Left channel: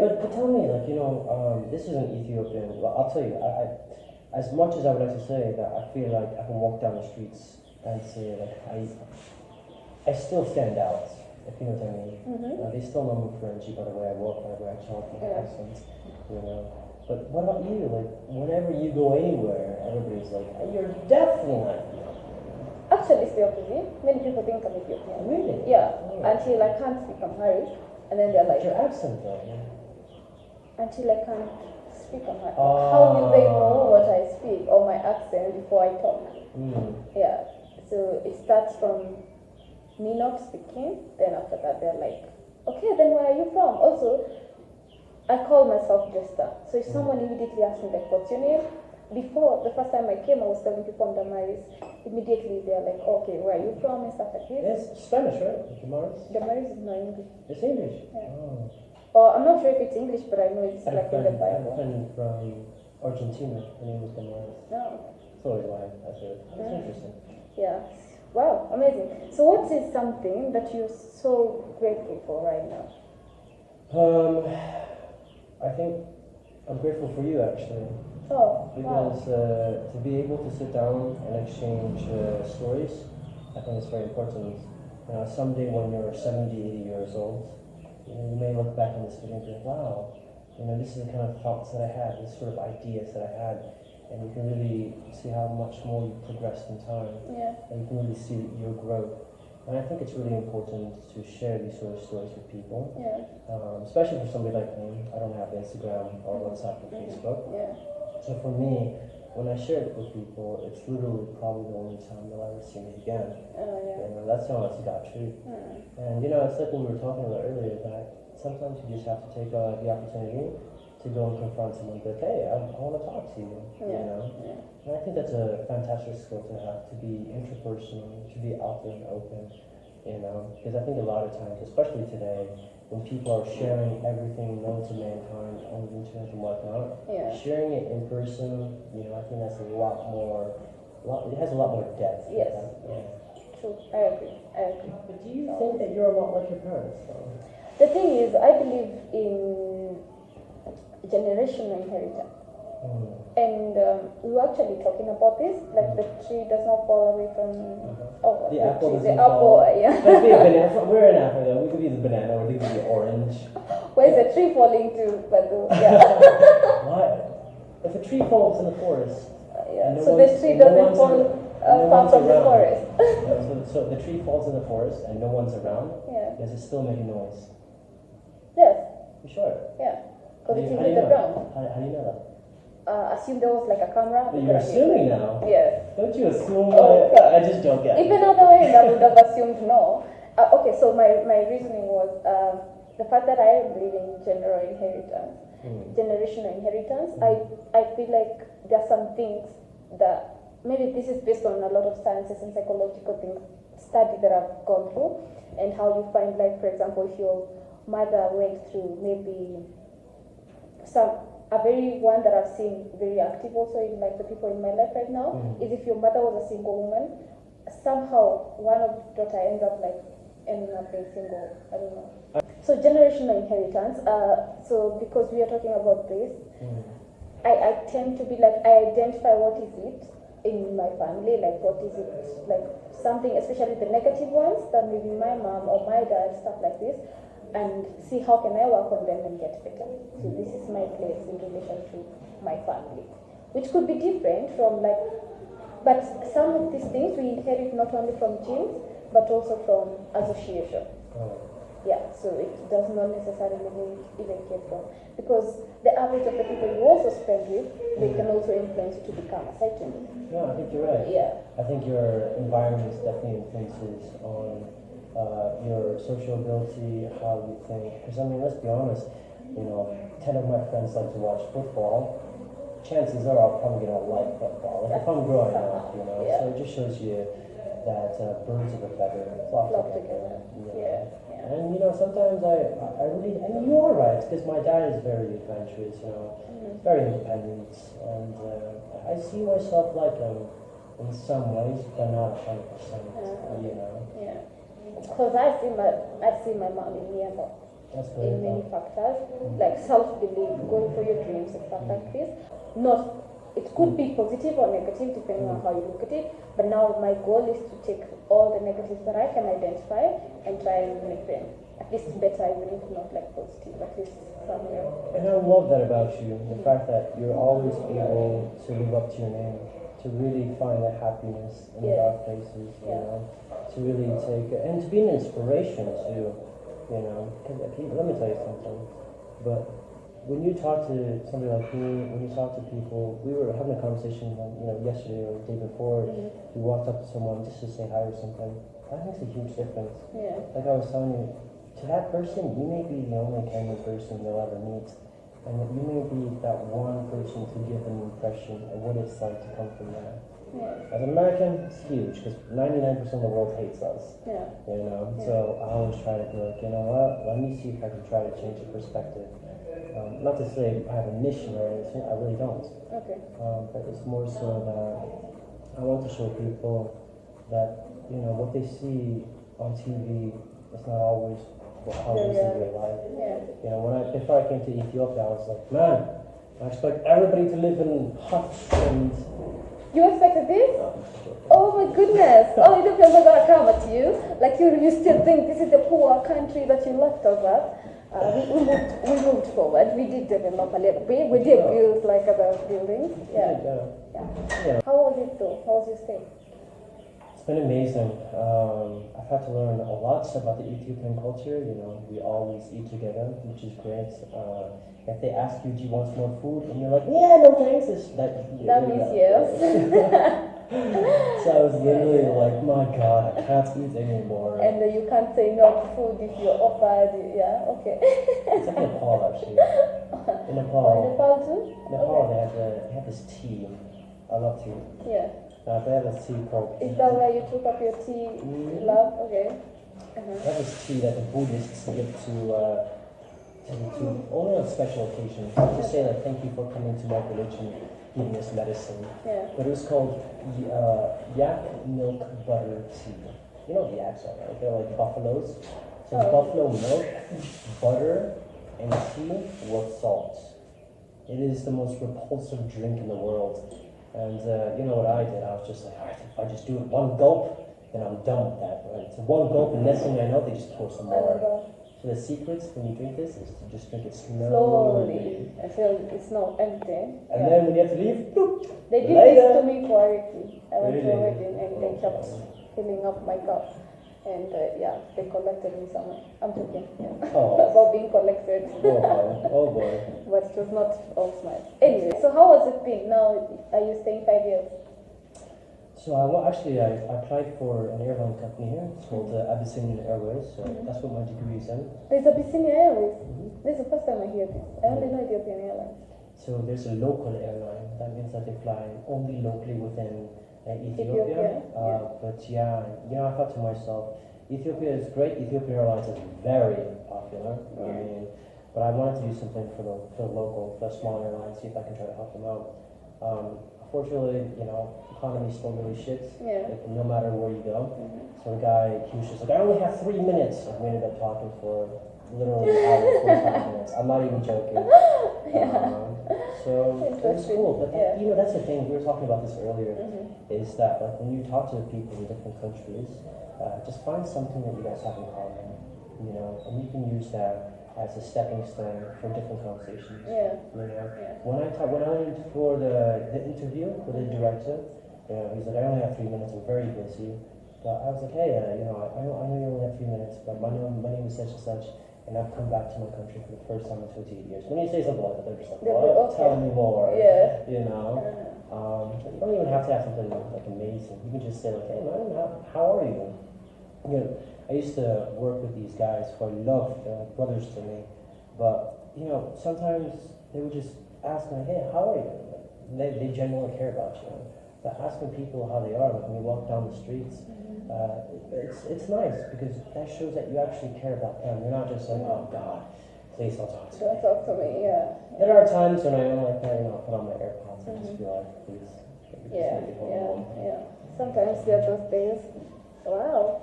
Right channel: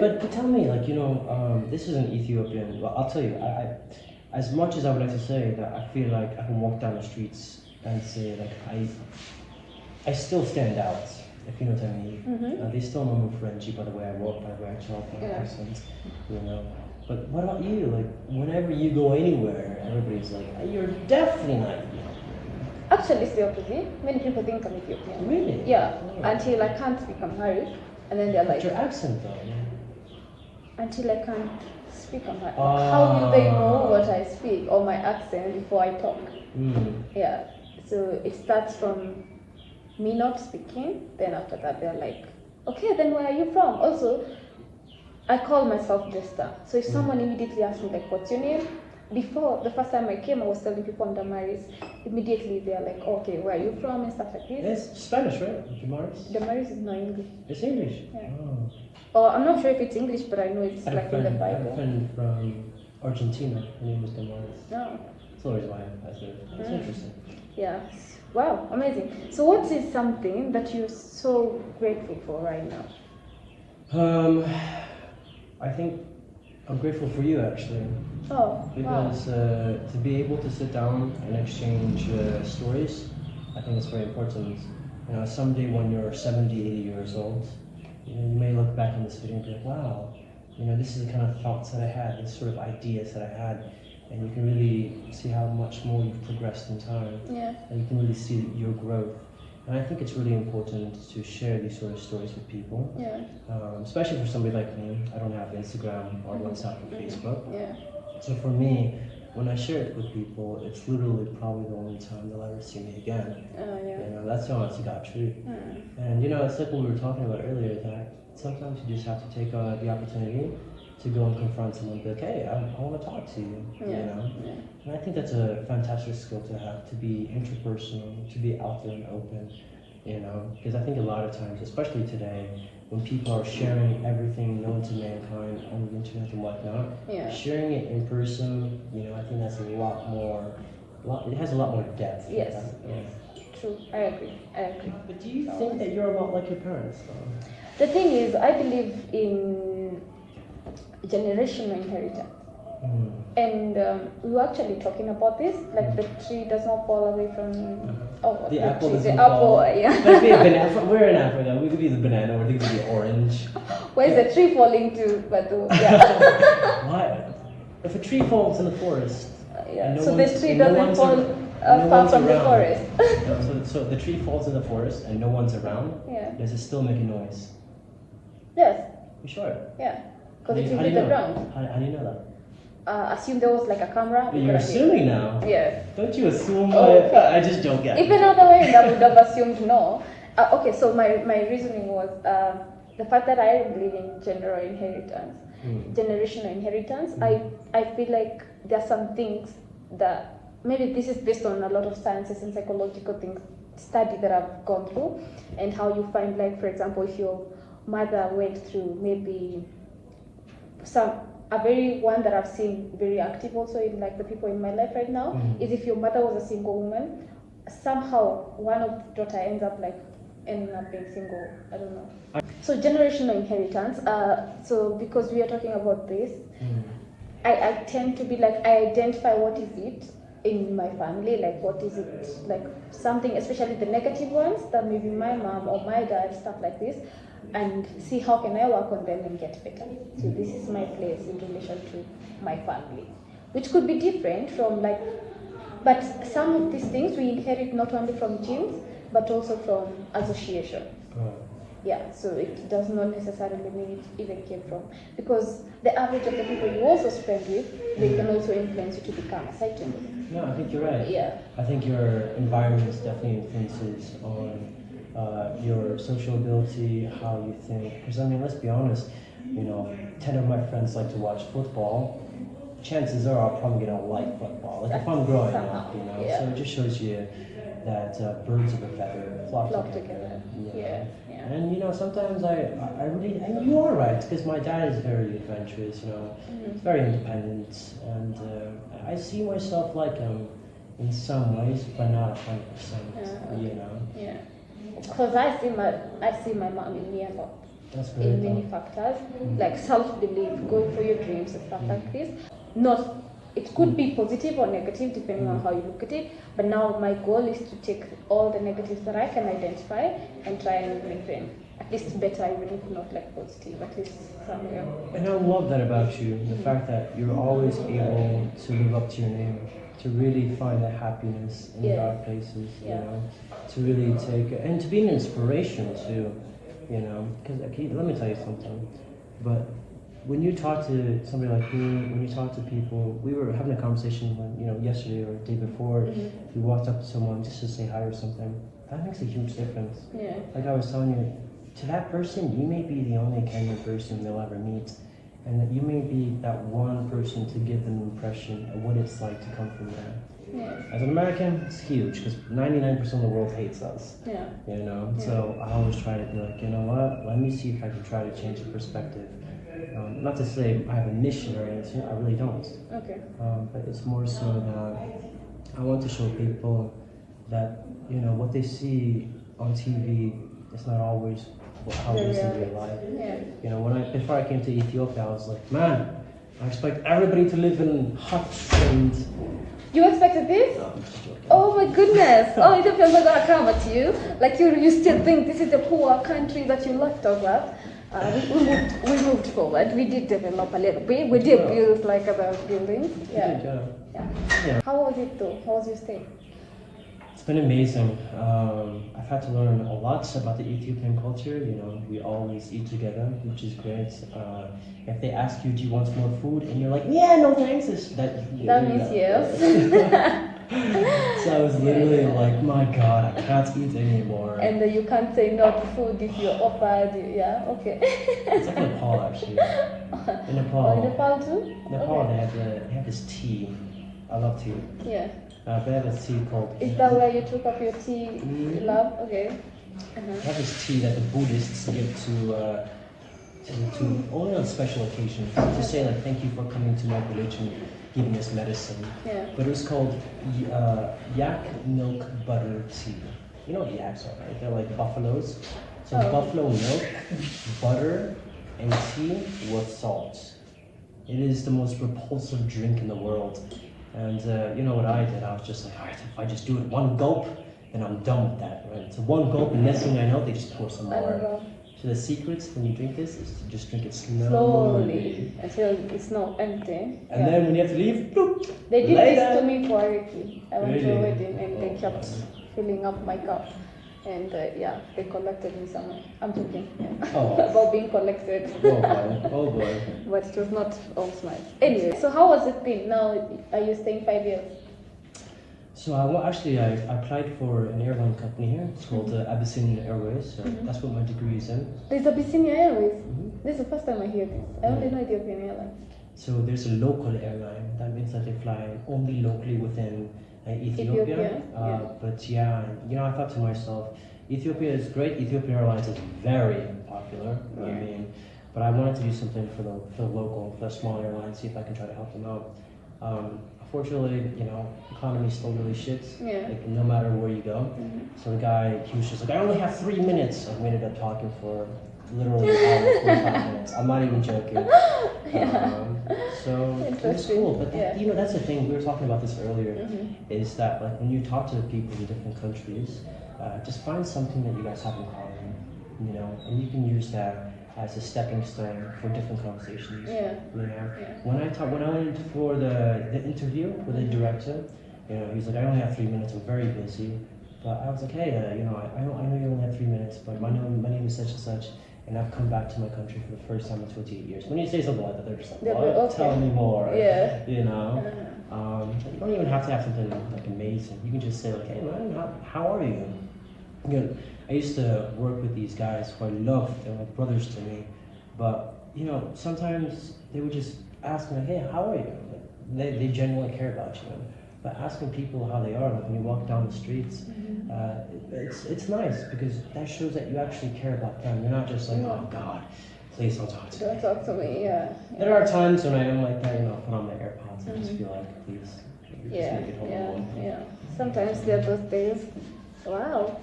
But tell me, like, this is an Ethiopian. Well, I'll tell you, as much as I would like to say that I feel like I can walk down the streets and say, like, I still stand out, if you know what I mean. Mm-hmm. They still know me Frenchy by the way I walk, by the way I talk, my accent, you know. But what about you? Like, whenever you go anywhere, everybody's like, you're definitely not Ethiopian. Actually, it's the opposite. Many people think I'm Ethiopian. Really? Yeah. Oh. Until I can't speak Amharic, and then they're like, But your accent though. until I can't speak Amharic. How do they know what I speak or my accent before I talk? Yeah. So it starts from me not speaking. Then after that, they're like, okay, then where are you from? Also, I call myself Jester. So if someone immediately asks me like, what's your name? Before, the first time I came, I was telling people I'm Damaris. Immediately they're like, okay, where are you from and stuff like this. It's Spanish, right? Damaris? Damaris is not English. It's English? Yeah. Oh. Or I'm not sure if it's English, but I know it's I had like in the a Bible. friend from Argentina. Her name was Damaris. No. That's always why I said it. That's interesting. Yeah. Wow, amazing. So what is something that you're so grateful for right now? I think I'm grateful for you actually. Oh, Because to be able to sit down and exchange stories, I think it's very important. You know, someday when you're 70, 80 years old, you may look back on this video and be like, wow, this is the kind of thoughts that I had, this sort of ideas that I had, and you can really see how much more you've progressed in time. Yeah. And you can really see your growth. And I think it's really important to share these sort of stories with people. Yeah. Especially for somebody like me. I don't have Instagram or WhatsApp or Facebook. Yeah. So for me, when I share it with people, it's literally probably the only time they'll ever see me again. Yeah. That's the honest to God truth. And it's like what we were talking about earlier, that sometimes you just have to take the opportunity to go and confront someone and be like, hey, I want to talk to you, And I think that's a fantastic skill to have, to be interpersonal, to be out there and open, because I think a lot of times, especially today, when people are sharing everything known to mankind on the internet and whatnot, sharing it in person, I think that's it has a lot more depth. Yes. True, I agree. But do you think that you're a lot like your parents, though? The thing is, I believe in generational inheritance. And we were actually talking about this, like the tree does not fall away from the apple tree? doesn't the fall. apple, yeah. Let's be a banana. We're in Africa. We could be the banana, or they could be the orange. Where's the tree falling to? Why? If a tree falls in the forest, so the tree doesn't fall far from the forest. So the tree falls in the forest and no one's around. Does it still make a noise? Yes. You sure? Yeah. Because it hit the ground. How do you know that? Assume there was like a camera. But you're assuming now. Yeah. Don't you assume? I just joke. Yeah. Even other way, I would have assumed no. Okay, so my reasoning was the fact that I believe in generational inheritance. I feel like there are some things that maybe this is based on a lot of sciences and psychological things, study that I've gone through, and how you find, like, for example, if your mother went through maybe a very one that I've seen very active also in like the people in my life right now is if your mother was a single woman, somehow one of the daughter ends up ending up being single. I don't know. So generational inheritance. So because we are talking about this, I tend to be like, I identify what is it in my family, like what is it, like something, especially the negative ones that maybe my mom or my dad, stuff like this, and see how can I work on them and get better. So this is my place in relation to my family, which could be different from but some of these things we inherit not only from genes, but also from association. Yeah, so it does not necessarily mean it even came from, because the average of the people you also spend with, they can also influence you to become a certain way. No, I think you're right. Yeah. I think your environment definitely influences on your social ability, how you think. Because I mean, let's be honest, 10 of my friends like to watch football. Chances are I'm probably gonna like football. Like if I'm growing up, Yeah. So it just shows you that birds of a feather flock together. Yeah. And sometimes I really, and you are right, because my dad is very adventurous, very independent, and I see myself like him in some ways, but not 100%. Yeah. Because I see my mom in me a lot. That's very in many tough. factors, like self-belief, going for your dreams and stuff like this. Not, it could be positive or negative depending on how you look at it. But now my goal is to take all the negatives that I can identify and try and make them at least better, even if not like positive, at least somewhere. And I love that about you, the fact that you're always able to live up to your name, to really find the happiness in dark places, you know, to really take, and to be an inspiration too, you know, because let me tell you something, but when you talk to somebody like me, when you talk to people, we were having a conversation yesterday or the day before, if you walked up to someone just to say hi or something, that makes a huge difference. Yeah. Like I was telling you, to that person, you may be the only kind of person they'll ever meet, and that you may be that one person to give them an impression of what it's like to come from there. Yeah. As an American, it's huge because 99% of the world hates us. Yeah. You know, so I always try to be like, you know what? Let me see if I can try to change the perspective. Not to say I have a mission or anything. I really don't. Okay. But it's more so that I want to show people that what they see on TV is not always how it is in real life. Yeah. Before I came to Ethiopia, I was like, man, I expect everybody to live in huts and. You expected this? No, I'm just joking. Oh my goodness! Oh, Ethiopians are gonna come at you. Like you still think this is a poor country that you left us at. We moved forward. We did develop a little bit. We did build like other buildings. Yeah. Yeah. How was it though? How was your stay? It's been amazing. I've had to learn a lot about the Ethiopian culture. We always eat together, which is great. If they ask you, do you want some more food? And you're like, yeah, no thanks. That means yes. So I was literally like, my God, I can't eat anymore. And you can't say no to food if you're offered. Yeah, okay. It's like Nepal, actually. In Nepal. Oh, in Nepal too? Nepal, okay. they have this tea. I love tea. Yeah. But I have this tea called. Is that where you took up your tea, love? Okay. I have this tea that the Buddhists give to only on special occasions to say like thank you for coming to my religion, giving us medicine. Yeah. But it was called yak milk butter tea. You know what yaks are, right? They're like buffaloes. So buffalo milk, butter, and tea with salt. It is the most repulsive drink in the world. And you know what I did? I was just like, all right, if I just do it one gulp, then I'm done with that, right? So one gulp, and next thing I know, they just pour some more. So the secret when you drink this is to just drink it slowly. Until it's not empty. And then when you have to leave, bloop, they did this to me for a wedding. I went to a wedding and they kept filling up my cup. And they collected me some. I'm joking. About being collected. Oh boy. But it was not all nice. Anyway, so how has it been? Now, are you staying 5 years? So I applied for an airline company here. It's called Abyssinian Airways. So that's what my degree is in. There's Abyssinia Airways. This is the first time I hear this. I only know Ethiopian Airlines. So there's a local airline. That means that they fly only locally within Ethiopia. But I thought to myself, Ethiopia is great. Ethiopian Airlines is very popular. I mean, but I wanted to do something for the local, for the small airlines, see if I can try to help them out. Unfortunately, economy's still really shit. Like no matter where you go. So the guy, he was just like, I only have 3 minutes. And we ended up talking for literally an hour and 45 minutes. I'm not even joking. So it was cool. But that's the thing. We were talking about this earlier. Is that like when you talk to people in different countries, just find something that you guys have in common. And you can use that as a stepping stone for different conversations. When I went in for the interview with the director, he's like, I only have 3 minutes. I'm very busy. But I was like, hey, I know you only have 3 minutes, but my name is such and such, and I've come back to my country for the first time in 28 years. When you say something like that, they're just like, what? Okay. Tell me more. You don't even have to have something like amazing. You can just say like, hey man, how are you? I used to work with these guys who I love. They're like brothers to me. But sometimes they would just ask me, like, hey, how are you? Like, they genuinely care about you. But asking people how they are, like when you walk down the streets, it's nice because that shows that you actually care about them. You're not just like, oh God, please don't talk to me. Don't talk to me, There are times when I am like that, put on my AirPods and just feel like, please, just make it home. Sometimes there are those days. Wow.